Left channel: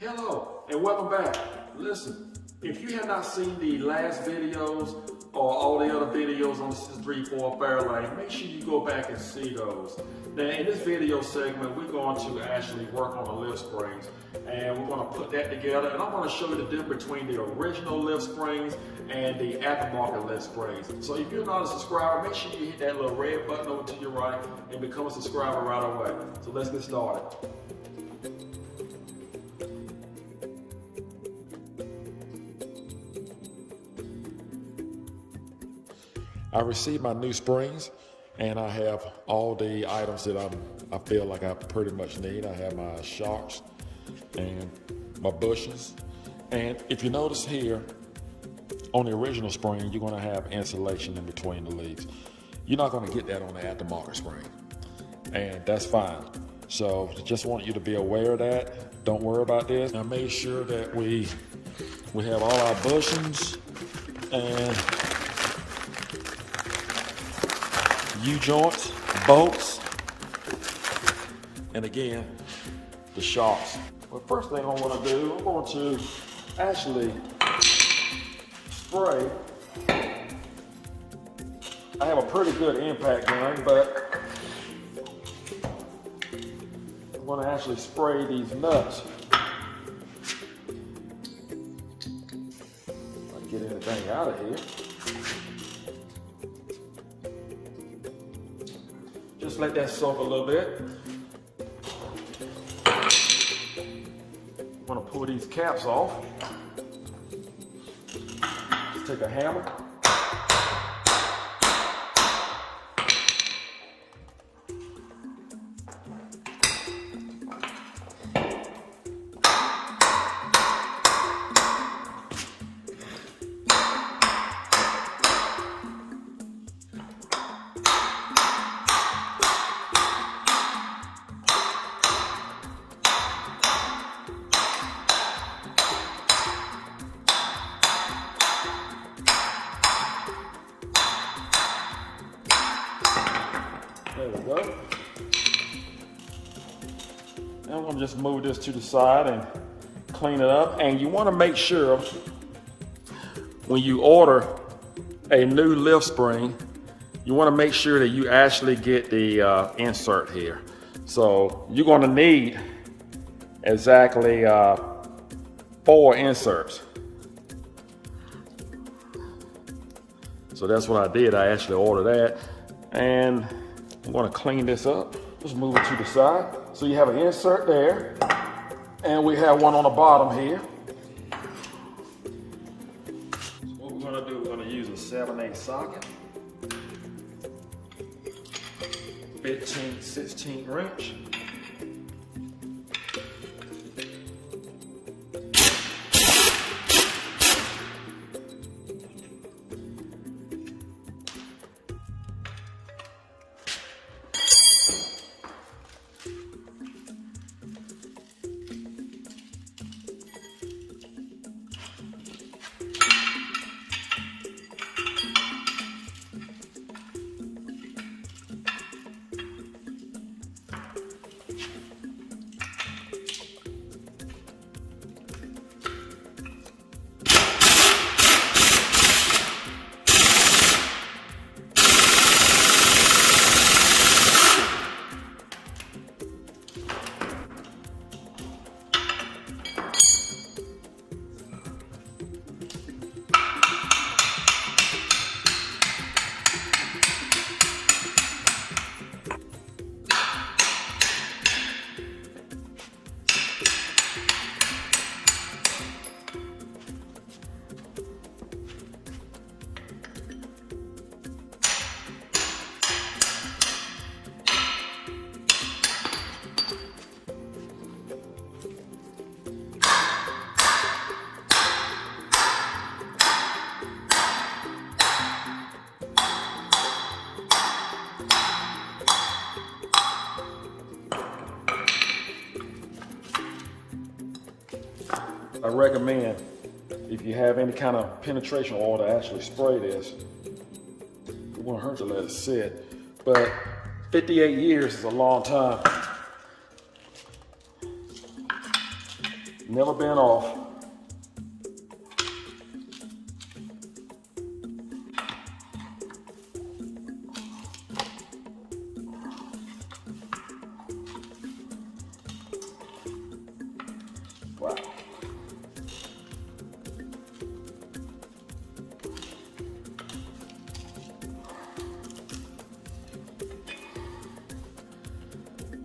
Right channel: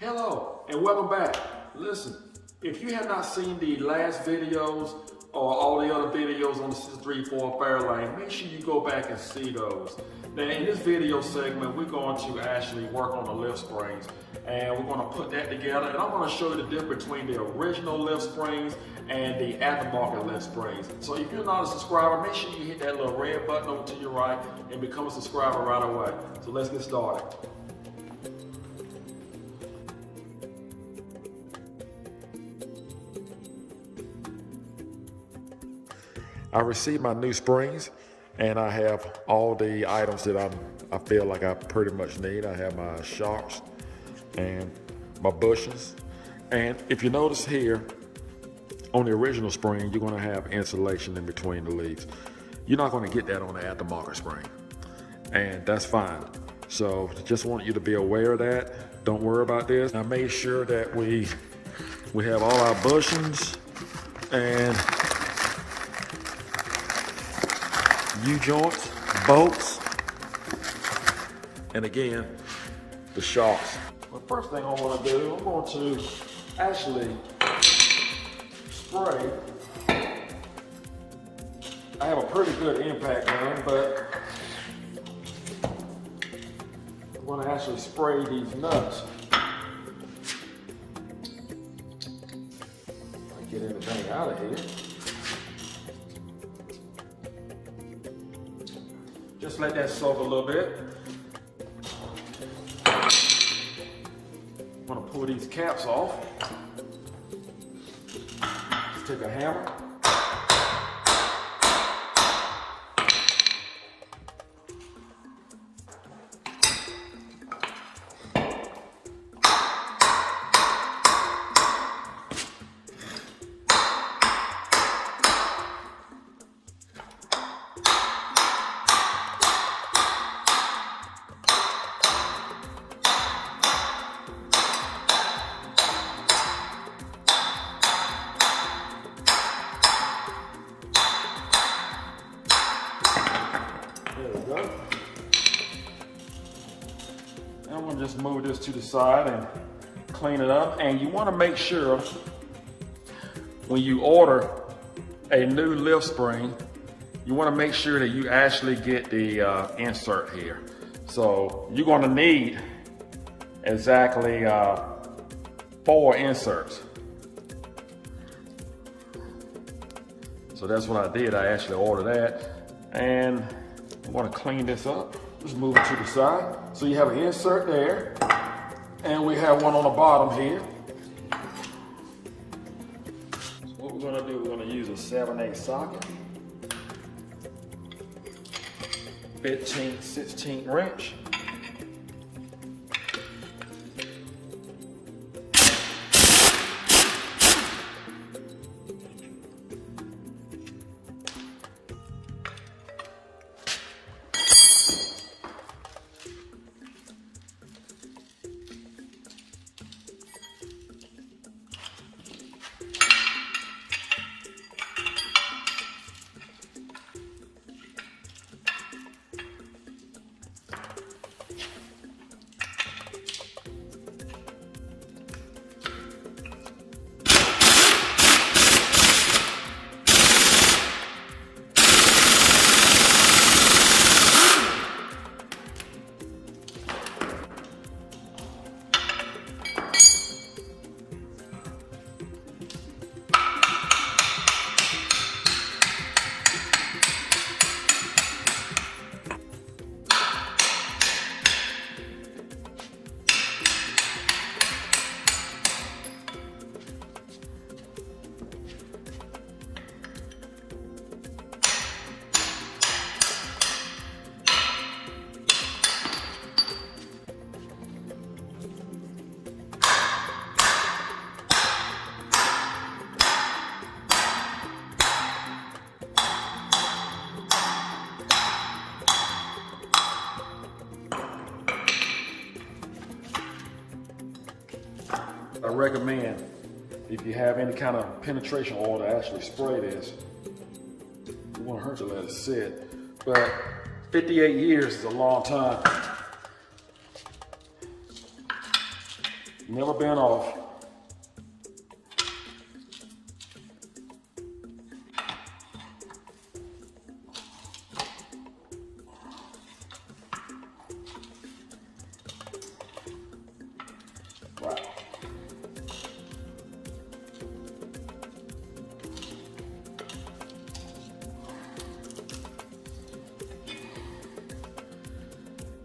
Hello and welcome back. Listen, if you have not seen the last videos or all the other videos on the 634 Fairlane, make sure you go back and see those. Now in this video segment, we're going to actually work on the lift springs and we're going to put that together, and I'm going to show you the difference between the original lift springs and the aftermarket lift springs. So if you're not a subscriber, make sure you hit that little red button over to your right and become a subscriber right away. So let's get started. I received my new springs and I have all the items that I feel like I pretty much need. I have my shocks and my bushings. And if you notice here, on the original spring, you're gonna have insulation in between the leaves. You're not gonna get that on the aftermarket spring, and that's fine. So just want you to be aware of that. Don't worry about this. I made sure that we have all our bushings and U-joints, bolts, and again, the shocks. The first thing I'm going to do, I'm going to actually spray. I have a pretty good impact gun, but I'm going to actually spray these nuts. Get anything out of here. Just let that soak a little bit. I'm gonna pull these caps off. Just take a hammer. There we go. Now I'm gonna just move this to the side and clean it up. And you wanna make sure when you order a new lift spring, you wanna make sure that you actually get the insert here. So you're gonna need exactly 4 inserts. So that's what I did. I actually ordered that. And I'm going to clean this up. Just move it to the side. So you have an insert there, and we have one on the bottom here. So what we're going to do, we're going to use a 7/8 socket, 15/16 wrench. I recommend, if you have any kind of penetration oil, to actually spray this. It won't hurt to let it sit, but 58 years is a long time. never been off. Wow.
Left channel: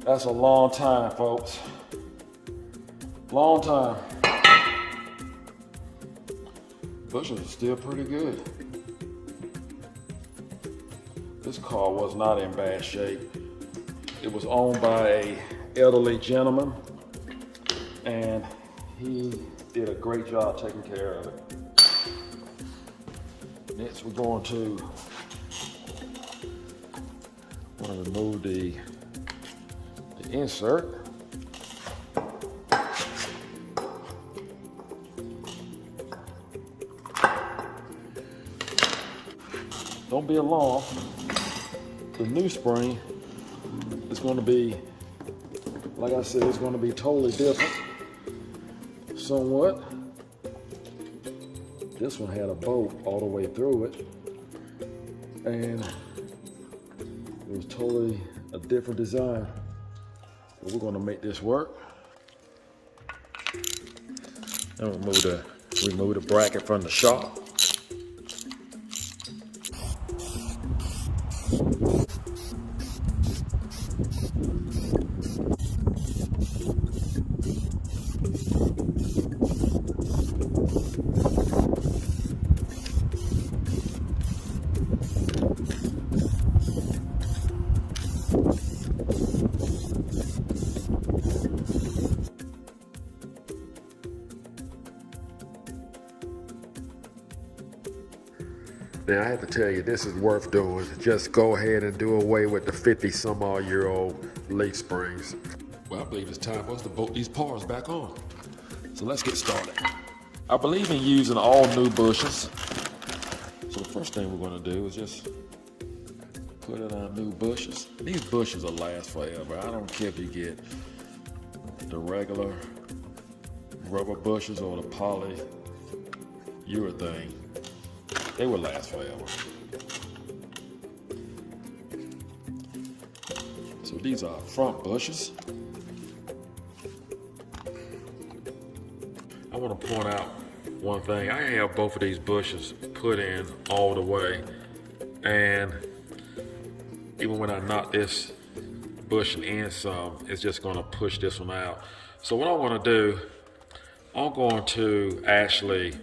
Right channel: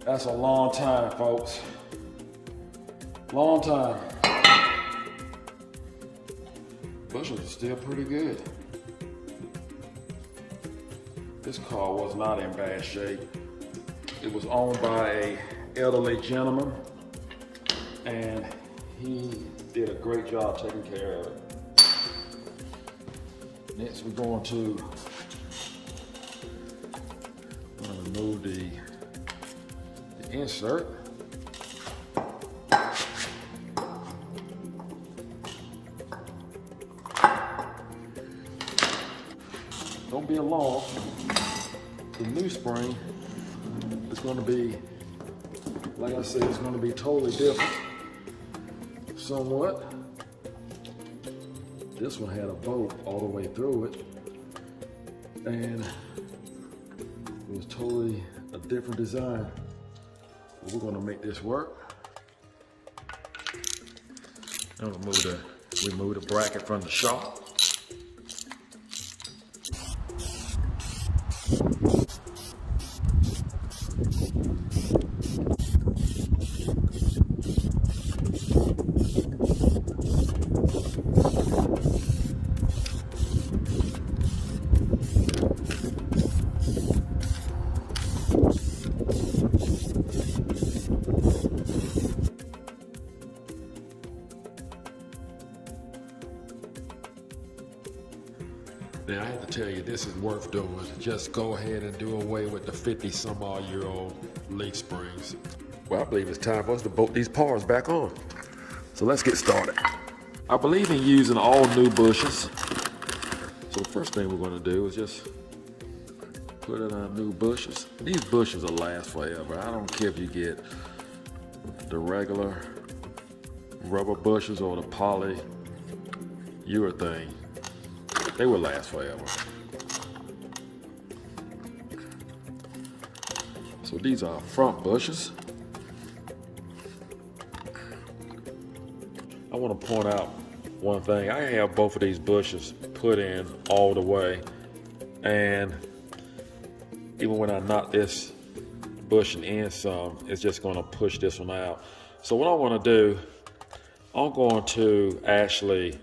That's a long time, folks. Long time. Bushings are still pretty good. This car was not in bad shape. It was owned by an elderly gentleman, and he did a great job taking care of it. Next, we're going to remove the insert. Don't be alarmed. The new spring is going to be, like I said, it's going to be totally different. Somewhat. This one had a bolt all the way through it, and it was totally a different design. But we're going to make this work. I'll remove the bracket from the shop. Now, I have to tell you, this is worth doing. Just go ahead and do away with the 50-some-odd-year-old leaf springs. Well, I believe it's time for us to bolt these parts back on. So let's get started. I believe in using all new bushes. So the first thing we're going to do is just put in our new bushes. These bushes will last forever. I don't care if you get the regular rubber bushes or the polyurethane. They will last forever. So these are front bushes. I want to point out one thing. I have both of these bushes put in all the way, and even when I knock this bushing in some, it's just going to push this one out. So what I want to do, I'm going to actually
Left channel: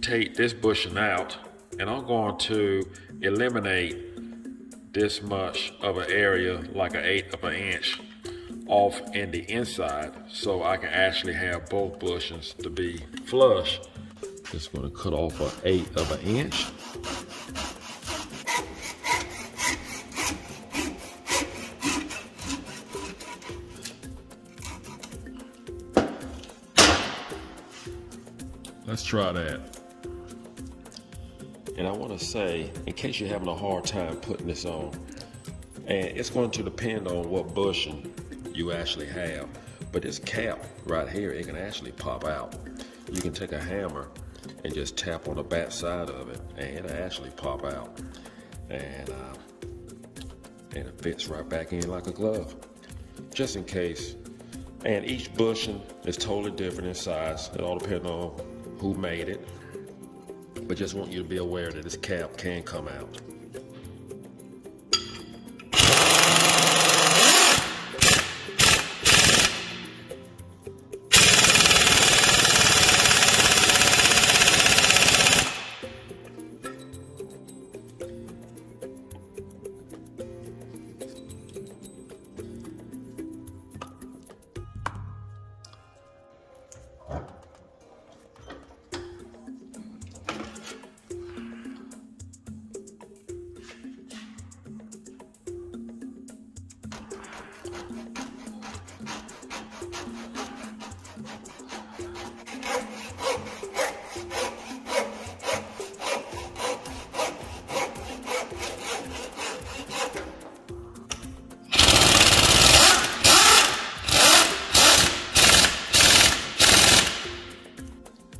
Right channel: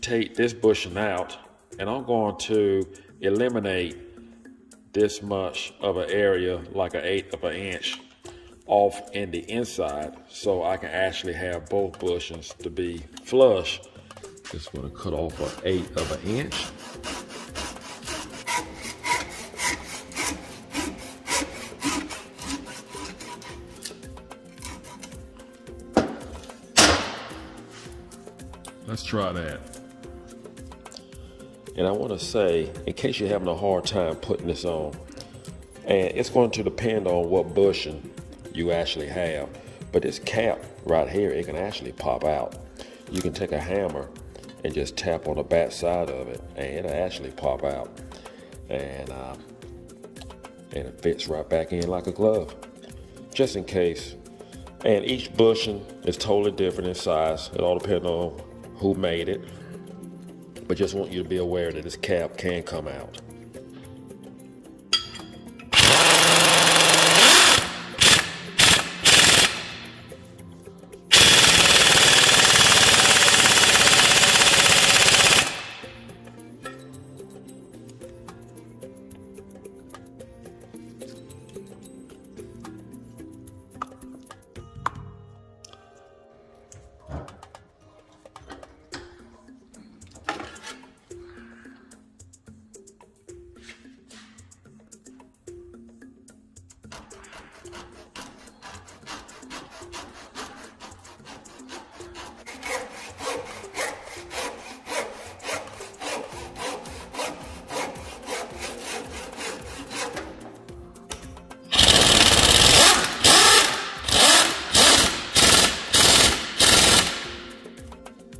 take this bushing out, and I'm going to eliminate this much of an area, like an 1/8 of an inch, off in the inside, so I can actually have both bushings to be flush. Just going to cut off an 1/8 of an inch. Let's try that. And I want to say, in case you're having a hard time putting this on, and it's going to depend on what bushing you actually have, but this cap right here, it can actually pop out. You can take a hammer and just tap on the back side of it, and it'll actually pop out, and it fits right back in like a glove, just in case. And each bushing is totally different in size. It all depends on who made it, but just want you to be aware that this cap can come out.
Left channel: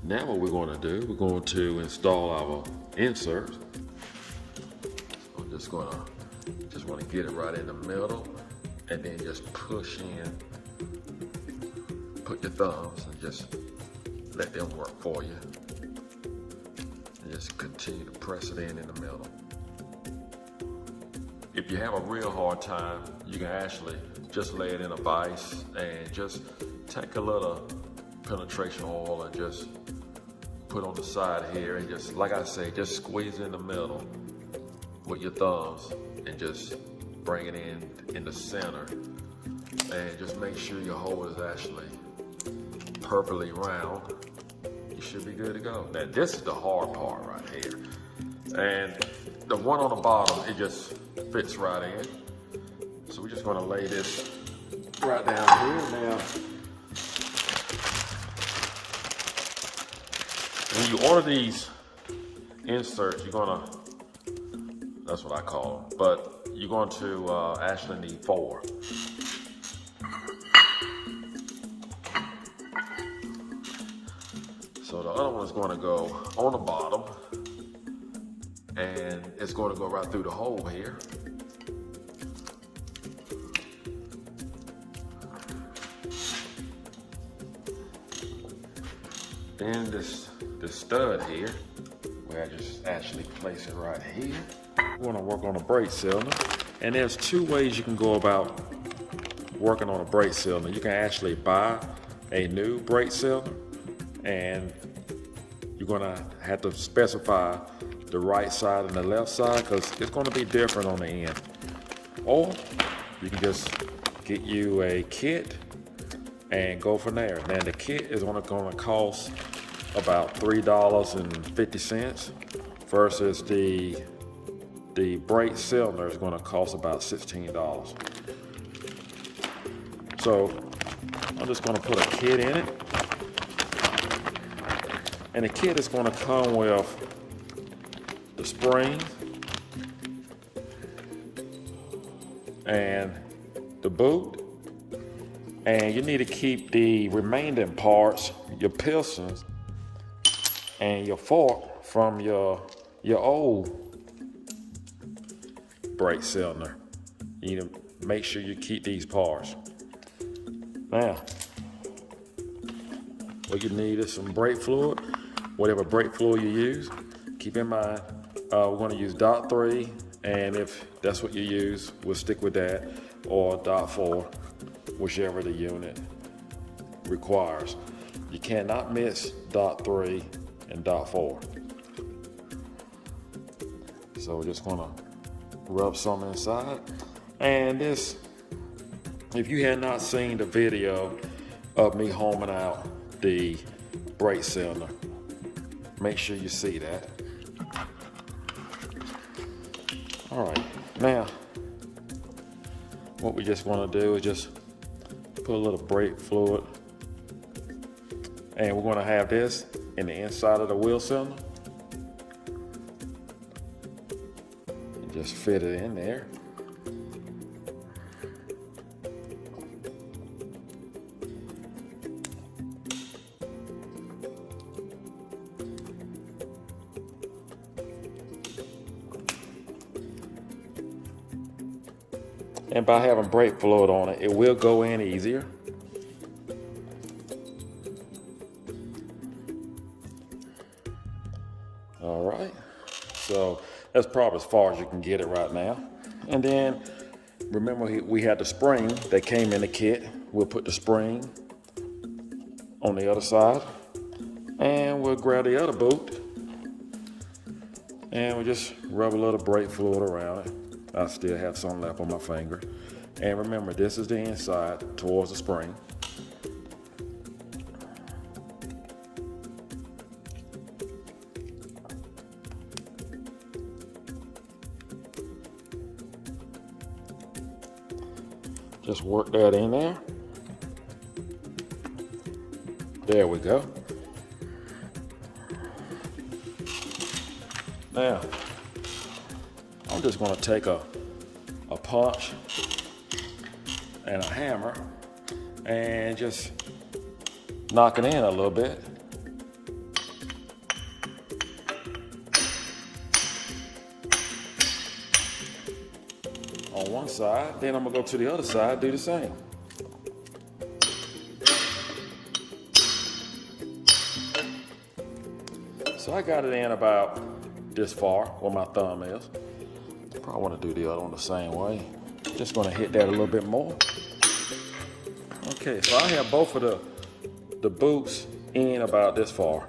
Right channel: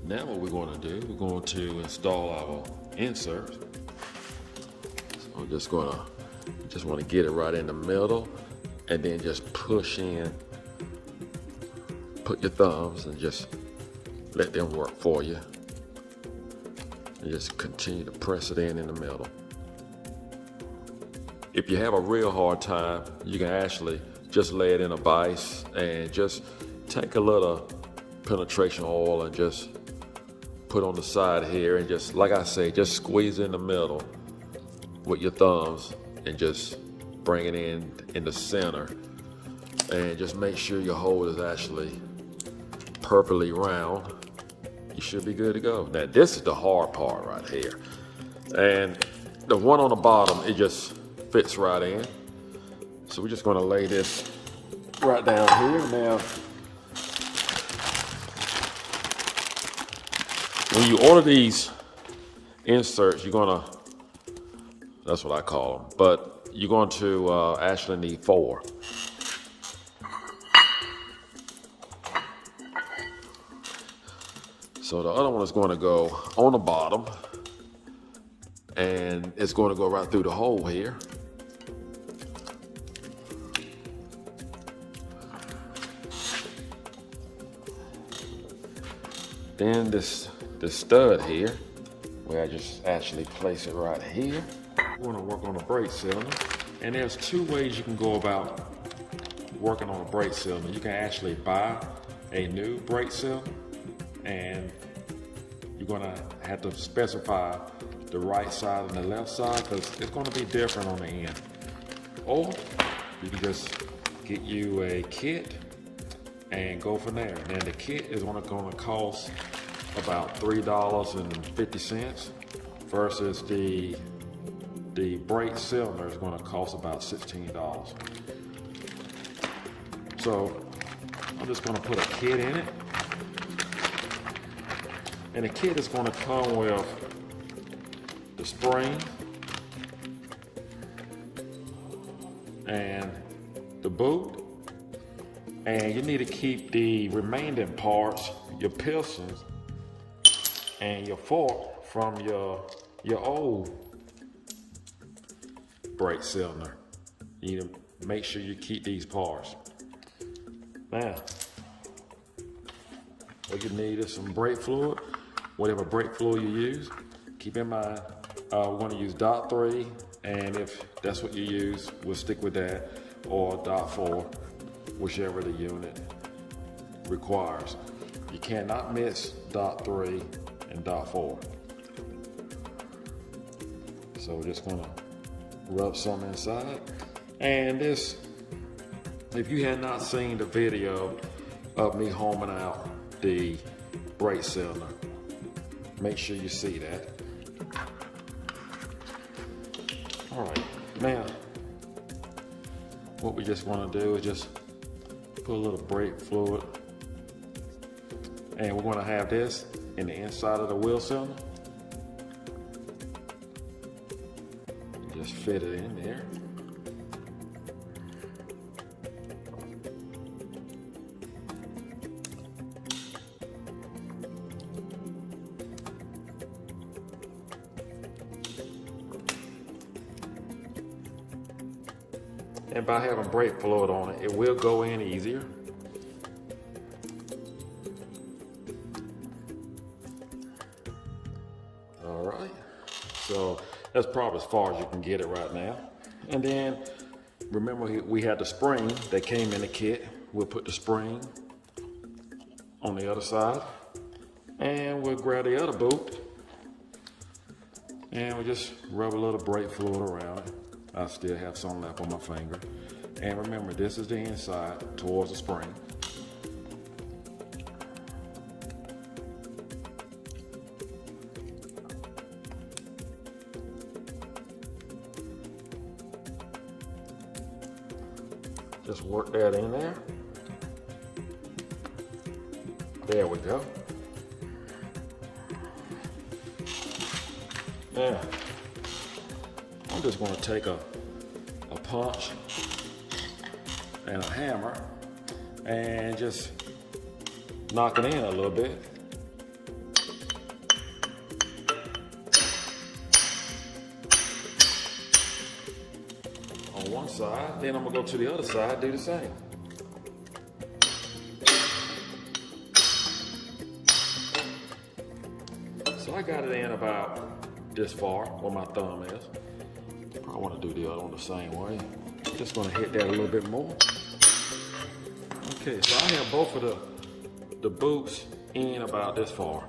Now what we're going to do, we're going to install our insert. I'm just want to get it right in the middle, and then just push in. Put your thumbs and just let them work for you. And just continue to press it in the middle. If you have a real hard time, you can actually just lay it in a vise and just take a little penetration oil and just put on the side here, and just, like I say, just squeeze in the middle with your thumbs and just bring it in the center, and just make sure your hole is actually perfectly round. You should be good to go. Now this is the hard part right here, and the one on the bottom, it just fits right in. So we're just going to lay this right down here. Now when you order these inserts, you're gonna, that's what I call them, but you're going to actually need 4. So the other one is going to go on the bottom, and it's going to go right through the hole here. Then this stud here, where I just actually place it right here. We want to work on a brake cylinder, and there's 2 ways you can go about working on a brake cylinder. You can actually buy a new brake cylinder, and you're going to have to specify the right side and the left side, because it's going to be different on the end. Or you can just get you a kit and go from there. Now the kit is going to cost about $3.50 versus the brake cylinder is going to cost about $16. So I'm just going to put a kit in it, and the kit is going to come with the spring and the boot, and you need to keep the remaining parts, your pistons and your fork, from your old brake cylinder. You need to make sure you keep these parts. Now, what you need is some brake fluid, whatever brake fluid you use. Keep in mind, we're going to use dot 3, and if that's what you use, we'll stick with that, or dot 4, whichever the unit requires. You cannot mix dot 3 and dot 4. So we're just going to rub some inside. And this, if you had not seen the video of me homing out the brake cylinder, make sure you see that. All right, now what we just want to do is just put a little brake fluid, and we're going to have this in the inside of the wheel cylinder. Just fit it in there. And by having brake fluid on it, it will go in easier. All right, so that's probably as far as you can get it right now. And then remember, we had the spring that came in the kit. We'll put the spring on the other side, and we'll grab the other bolt, and we'll just rub a little brake fluid around it. I still have some left on my finger. And remember, this is the inside towards the spring. Just work that in there. There we go. Now, I'm just going to take a punch and a hammer and just knock it in a little bit. side, then I'm gonna go to the other side, do the same. So I got it in about this far, where my thumb is. Probably want to do the other one the same way. Just gonna hit that a little bit more. Okay, so I have both of the boots in about this far.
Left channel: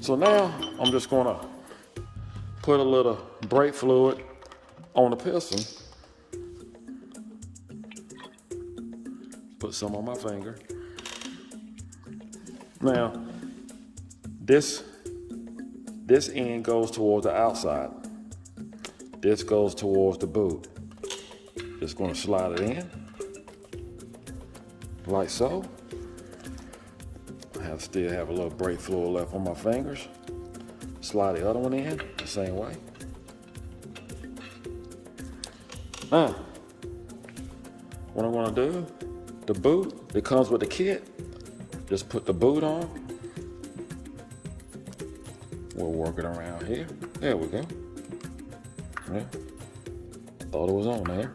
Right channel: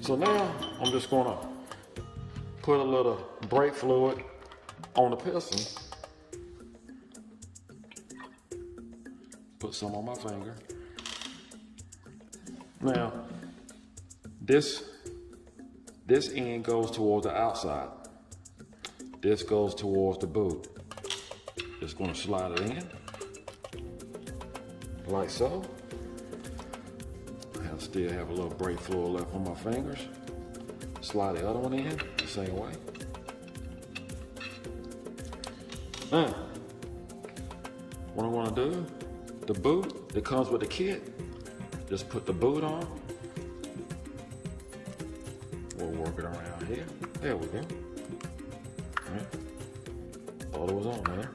So now I'm just gonna put a little brake fluid on the piston. Put some on my finger. Now, this end goes towards the outside. This goes towards the boot. Just gonna slide it in, like so. I still have a little brake fluid left on my fingers. Slide the other one in the same way. Now, what I'm gonna do, the boot, it comes with the kit. Just put the boot on. We'll work it around here. There we go. Right. Thought it was on there.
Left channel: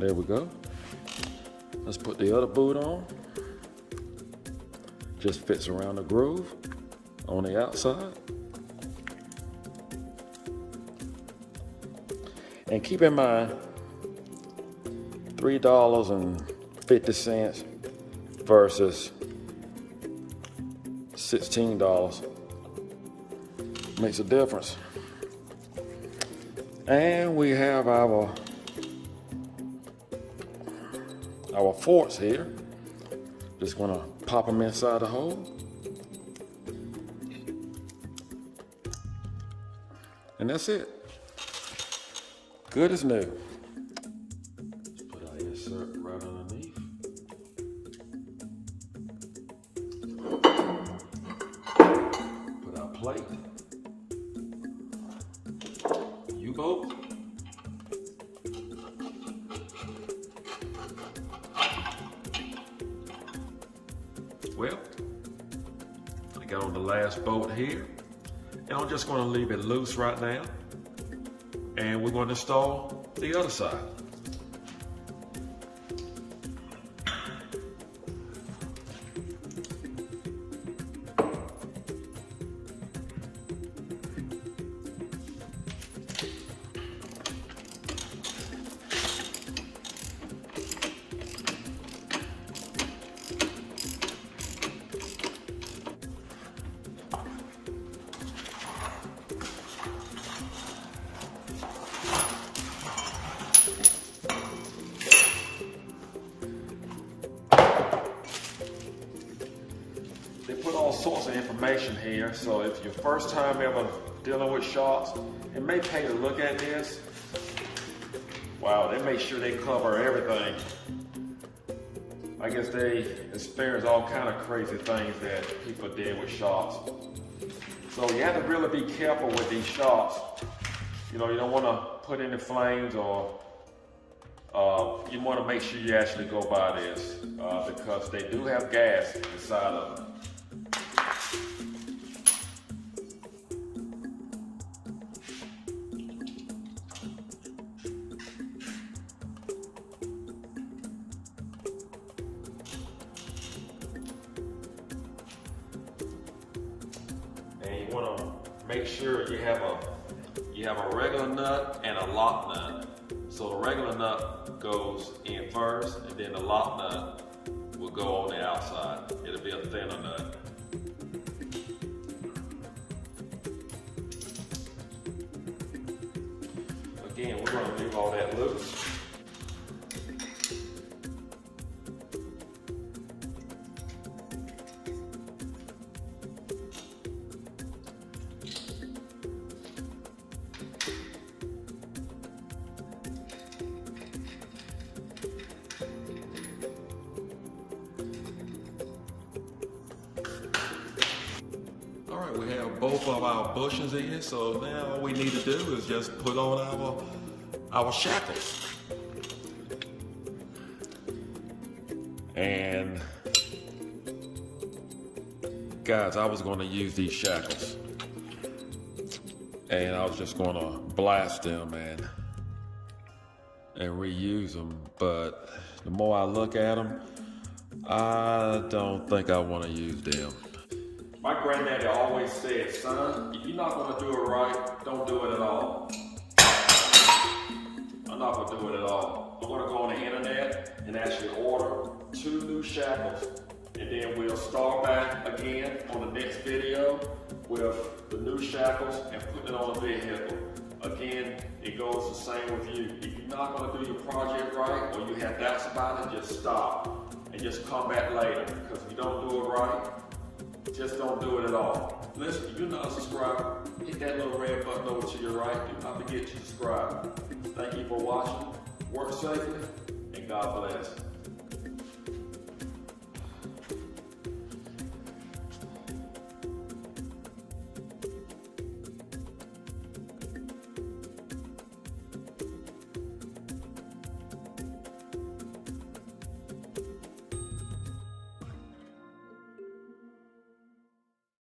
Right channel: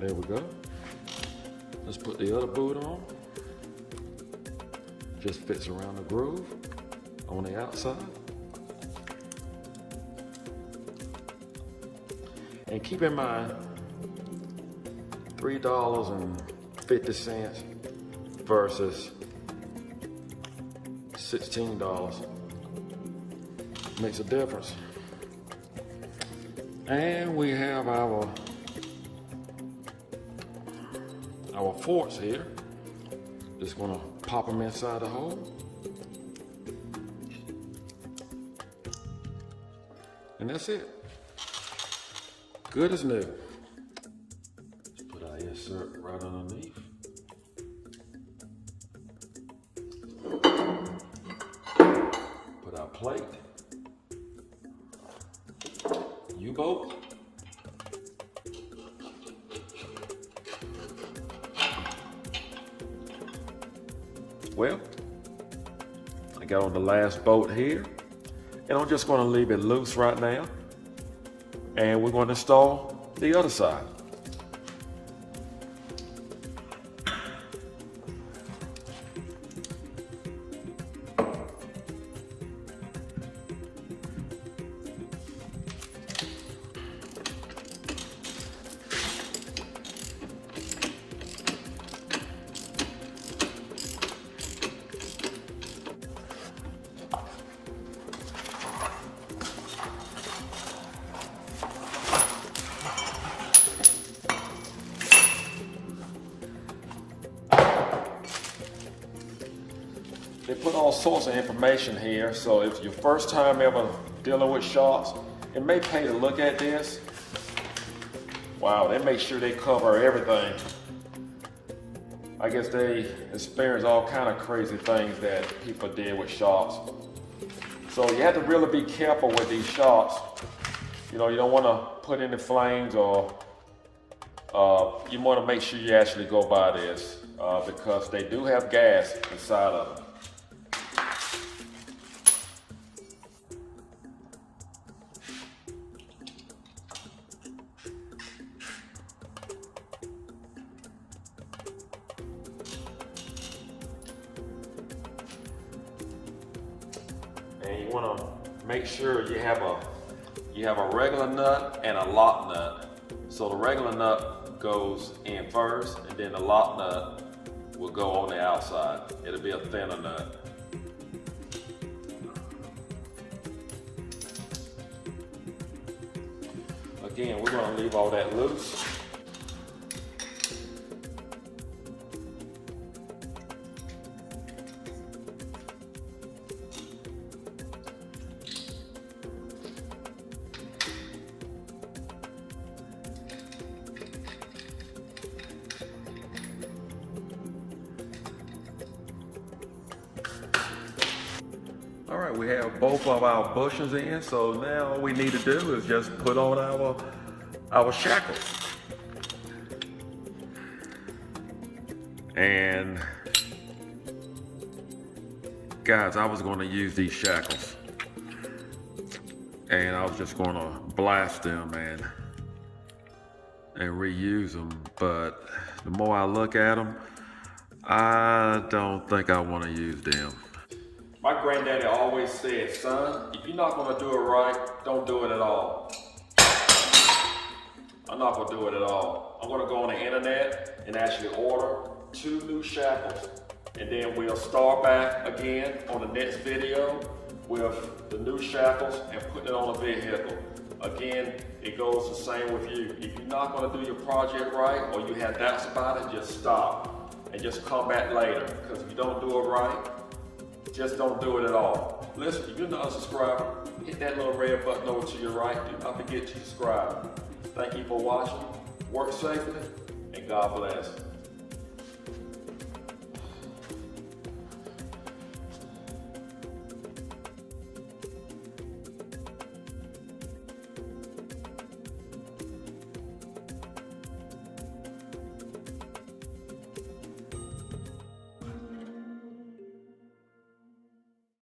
There we go. Let's put the other boot on. Just fits around the groove on the outside. And keep in mind, $3.50 versus $16 makes a difference. And we have our forks here. Just gonna pop them inside the hole. And that's it. Good as new. Put our insert right underneath. Put our plate. UBolt. Well, I got on the last bolt here, and I'm just going to leave it loose right now, and we're going to install the other side. They put all sorts of information here, so if your first time ever dealing with shocks, it may pay to look at this. Wow, they make sure they cover everything. I guess they experience all kind of crazy things that people did with shocks. So you have to really be careful with these shocks. You know, you don't want to put any flames, or you want to make sure you actually go by this because they do have gas inside of them. And you want to make sure you have a regular nut and a lock nut. So the regular nut goes in first, and then the lock nut will go on the outside. It'll be a thinner nut. Again, we're going to leave all that loose. All right, we have both of our bushings in, so now all we need to do is just put on our shackles. And guys, I was going to use these shackles, and I was just going to blast them and reuse them, but the more I look at them, I don't think I want to use them. My granddaddy always said, son, if you're not going to do it right, don't do it at all. I'm not going to do it at all. I'm going to go on the internet and actually order 2 new shackles, and then we'll start back again on the next video with the new shackles and putting it on a vehicle. Again, it goes the same with you. If you're not going to do your project right, or you have doubts about it, just stop and just come back later. Because if you don't do it right, just don't do it at all. Listen, if you're not a subscriber, hit that little red button over to your right. Do not forget to subscribe. Thank you for watching. Work safely, and God bless.